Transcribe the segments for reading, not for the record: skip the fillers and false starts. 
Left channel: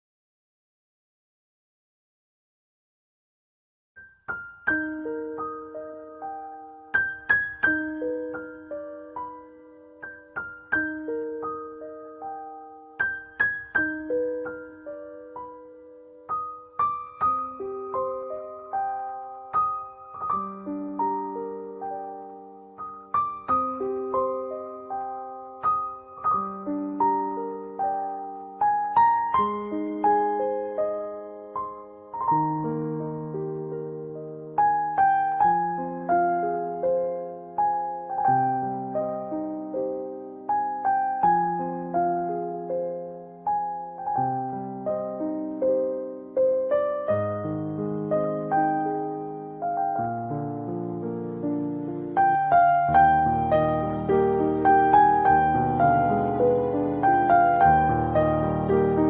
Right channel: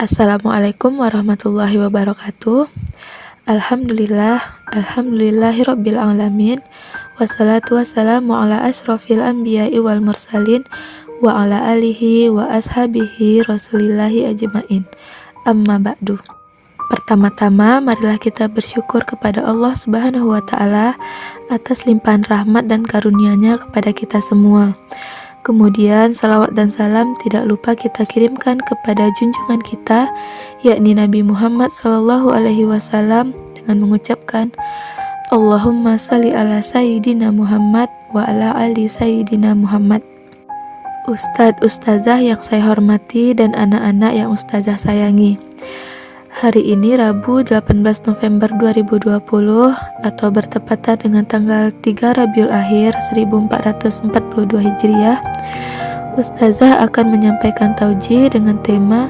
Assalamualaikum warahmatullahi wabarakatuh. Alhamdulillahirabbil alamin. Wassalatu wassalamu ala asrofil anbiya'i wal mursalin wa ala alihi wa ashabihi rasulillahi ajmain. Amma ba'du. Pertama-tama, marilah kita bersyukur kepada Allah Subhanahu wa Ta'ala atas limpahan rahmat dan karunia-Nya kepada kita semua. Kemudian salawat dan salam tidak lupa kita kirimkan kepada junjungan kita, yakni Nabi Muhammad SAW, dengan mengucapkan Allahumma salli ala Sayyidina Muhammad wa ala ali Sayyidina Muhammad. Ustadz, ustazah yang saya hormati dan anak-anak yang ustazah sayangi, hari ini Rabu 18 November 2020 atau bertepatan dengan tanggal 3 Rabiul Akhir 1442 Hijriah, Ustazah akan menyampaikan tauji dengan tema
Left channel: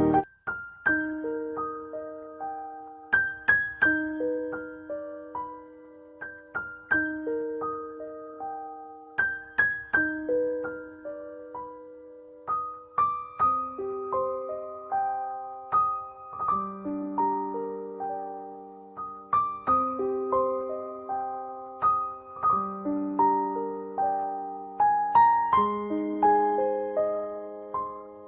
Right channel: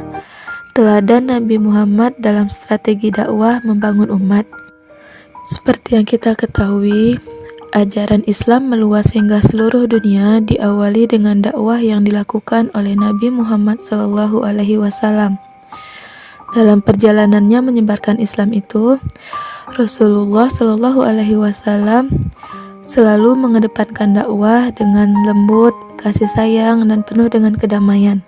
Teladan Nabi Muhammad dalam strategi dakwah membangun umat. Seperti yang kita ketahui, ajaran Islam meluas hingga seluruh dunia diawali dengan dakwah yang dilakukan oleh Nabi Muhammad SAW. Dalam perjalanannya menyebarkan Islam itu, Rasulullah SAW selalu mengedepankan dakwah dengan lembut, kasih sayang, dan penuh dengan kedamaian.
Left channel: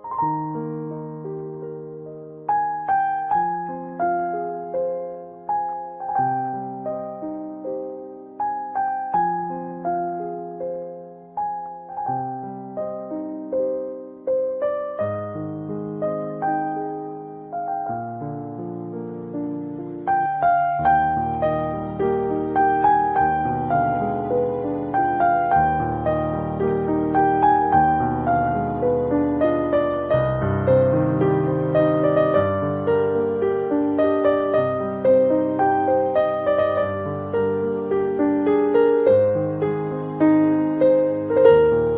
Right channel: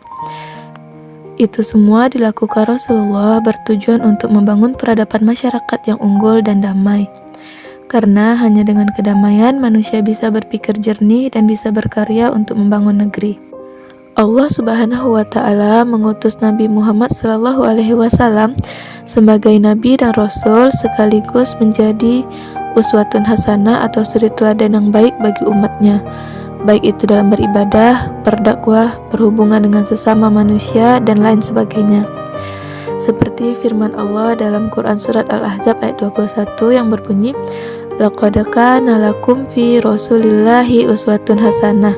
Itu semua dilakukan Rasulullah bertujuan untuk membangun peradaban masyarakat yang unggul dan damai. Karena hanya dengan kedamaian manusia bisa berpikir jernih dan bisa berkarya untuk membangun negeri. Allah Subhanahu wa Ta'ala mengutus Nabi Muhammad SAW sebagai Nabi dan Rasul sekaligus menjadi uswatun hasanah atau suri teladan yang baik bagi umatnya, baik itu dalam beribadah, berdakwah, berhubungan dengan sesama manusia, dan lain sebagainya. Seperti firman Allah dalam Quran Surat Al-Ahzab ayat 21 yang berbunyi, Laqad kana lakum fi Rasulillahi uswatun hasanah,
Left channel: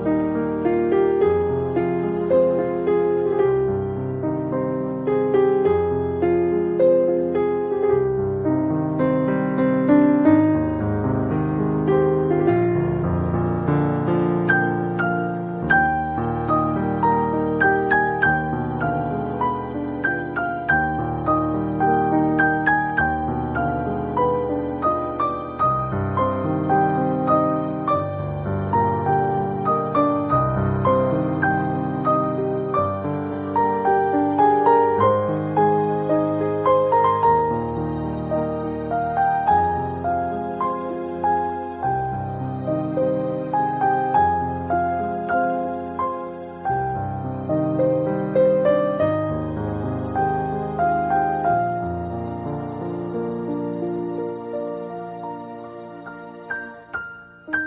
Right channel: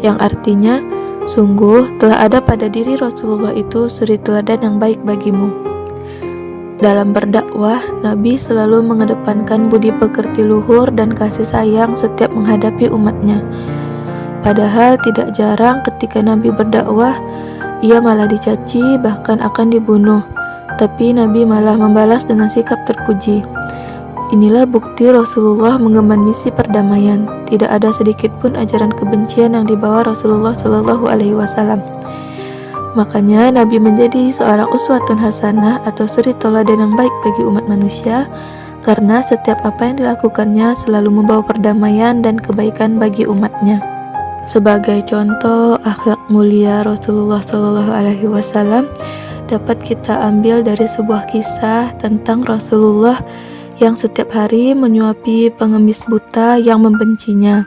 yang artinya, sungguh telah ada pada diri Rasulullah itu suri teladan yang baik bagimu. Dalam berdakwah, Nabi selalu mengedepankan budi pekerti luhur dan kasih sayang setiap menghadapi umatnya. Padahal tidak jarang ketika Nabi berdakwah, ia malah dicaci, bahkan akan dibunuh. Tapi Nabi malah membalas dengan sikap terpuji. Inilah bukti Rasulullah mengemban misi perdamaian. Tidak ada sedikit pun ajaran kebencian yang dibawa Rasulullah SAW. Makanya Nabi menjadi seorang uswatun hasanah atau suri teladan yang baik bagi umat manusia, karena setiap apa yang dilakukannya selalu membawa perdamaian dan kebaikan bagi umatnya. Sebagai contoh akhlak mulia Rasulullah SAW dapat kita ambil dari sebuah kisah tentang Rasulullah yang setiap hari menyuapi pengemis buta yang membencinya,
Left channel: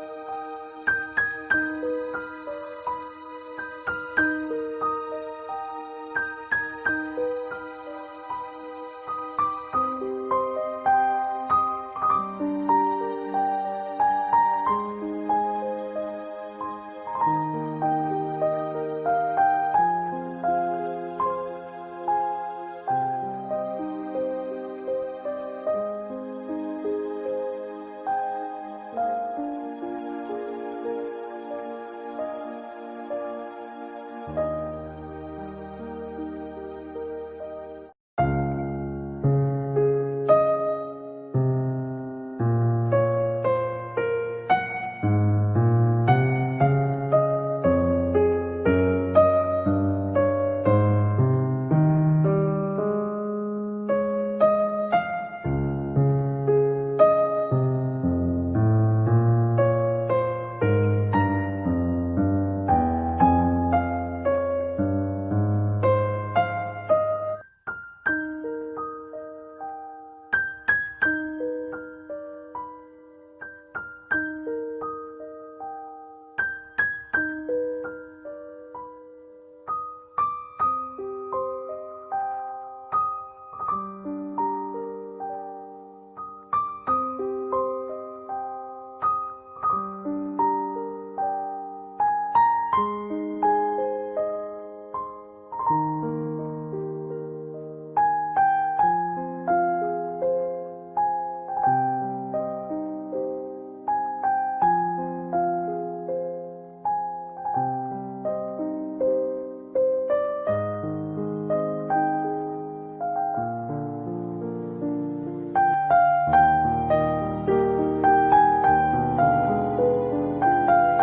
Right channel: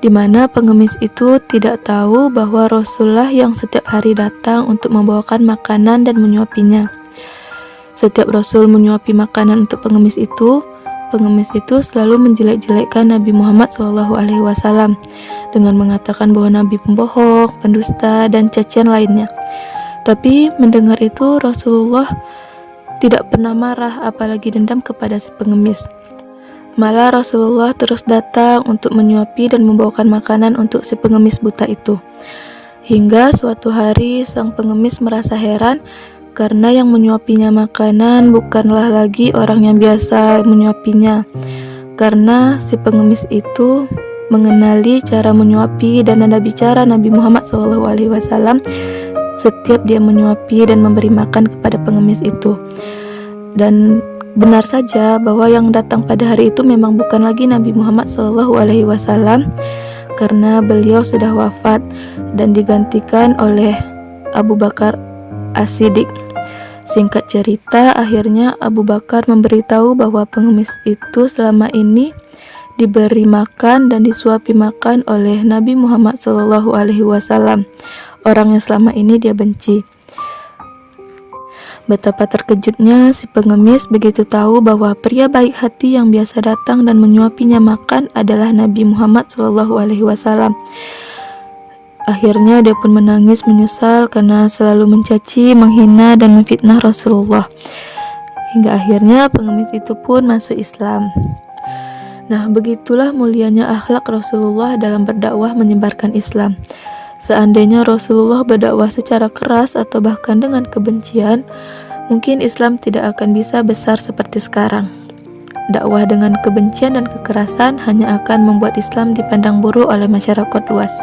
di mana pengemis itu tidak tahu bahwa Rasulullah yang setiap hari datang untuk membawakan makanan dan menyuapinya. Setiap Rasul menyuapi makanan untuk pengemis itu selalu menjelek-jelekkan Nabi Muhammad SAW dengan mengatakan bahwa Nabi pembohong, pendusta, dan cacian lainnya. Tapi mendengar itu Rasulullah tidak pernah marah apalagi dendam kepada si pengemis. Malah Rasulullah terus datang untuk menyuapi dan membawakan makanan untuk si pengemis buta itu. Hingga suatu hari sang pengemis merasa heran karena yang menyuapinya makanan bukanlah lagi orang yang biasa menyuapinya. Karena si pengemis itu mengenali cara menyuapi dan nada bicara Nabi Muhammad SAW setiap dia menyuapi dan memberi makan kepada pengemis itu. Dan benar saja bahwa yang datang pada hari itu memang bukan lagi Nabi Muhammad SAW, karena beliau sudah wafat dan digantikan oleh Abu Bakar As-Siddiq. Singkat cerita, akhirnya Abu Bakar memberitahu bahwa pengemis itu selama ini diberi makan dan disuapi makan oleh Nabi Muhammad SAW, orang yang selama ini dia benci. Betapa terkejutnya si pengemis begitu tahu bahwa pria baik hati yang biasa datang dan menyuapinya makan adalah Nabi Muhammad SAW. Akhirnya dia pun menangis menyesal karena selalu mencaci, menghina, dan memfitnah Rasulullah. Hingga akhirnya pengemis itu pun masuk Islam. Nah, begitulah mulianya akhlak Rasulullah dalam berdakwah menyebarkan Islam. Seandainya Rasulullah berdakwah secara keras atau bahkan dengan kebencian, mungkin Islam tidak akan bisa besar seperti sekarang. Dakwah dengan kebencian dan kekerasan hanya akan membuat Islam dipandang buruk oleh masyarakat luas.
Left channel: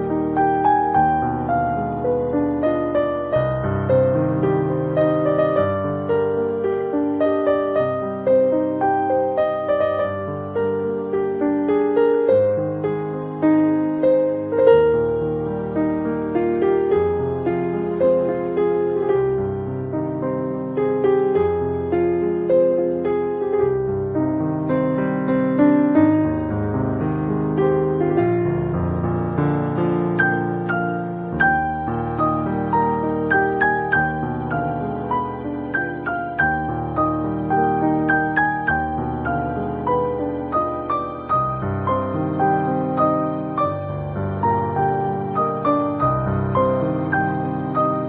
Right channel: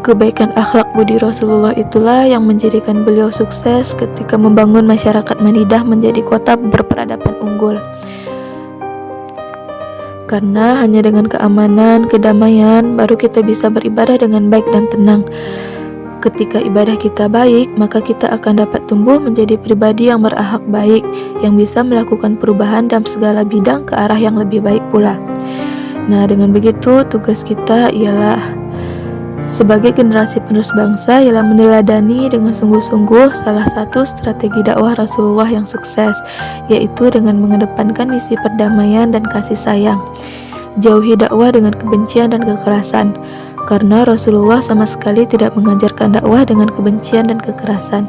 Kebaikan akhlak budi Rasulullah itulah yang menjadikan beliau sukses ketika membangun masyarakat Madinah menjadi kota berperadaban unggul. Karena hanya dengan keamanan, kedamaian, baru kita bisa beribadah dengan baik dan tenang. Ketika ibadah kita baik, maka kita akan dapat tumbuh menjadi pribadi yang berakhlak baik, yang bisa melakukan perubahan dalam segala bidang ke arah yang lebih baik pula. Nah, dengan begitu tugas kita ialah sebagai generasi penerus bangsa ialah meneladani dengan sungguh-sungguh salah satu strategi dakwah Rasulullah yang sukses, yaitu dengan mengedepankan misi perdamaian dan kasih sayang. Jauhi dakwah dengan kebencian dan kekerasan, karena Rasulullah sama sekali tidak mengajarkan dakwah dengan kebencian dan kekerasan.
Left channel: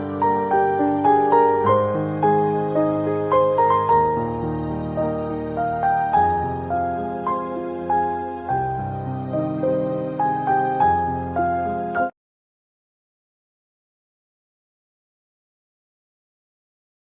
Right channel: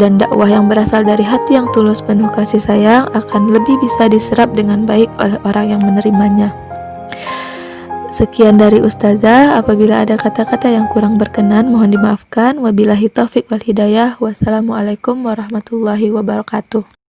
Dan dakwah yang berasal dari hati yang tulus penuh kasih sayang akan lebih bisa diserap dengan baik oleh orang yang menerimanya. Sekian dari Ustazah, apabila ada kata-kata yang kurang berkenan mohon dimaafkan. Wabillahi taufik wal hidayah. Wassalamualaikum warahmatullahi wabarakatuh.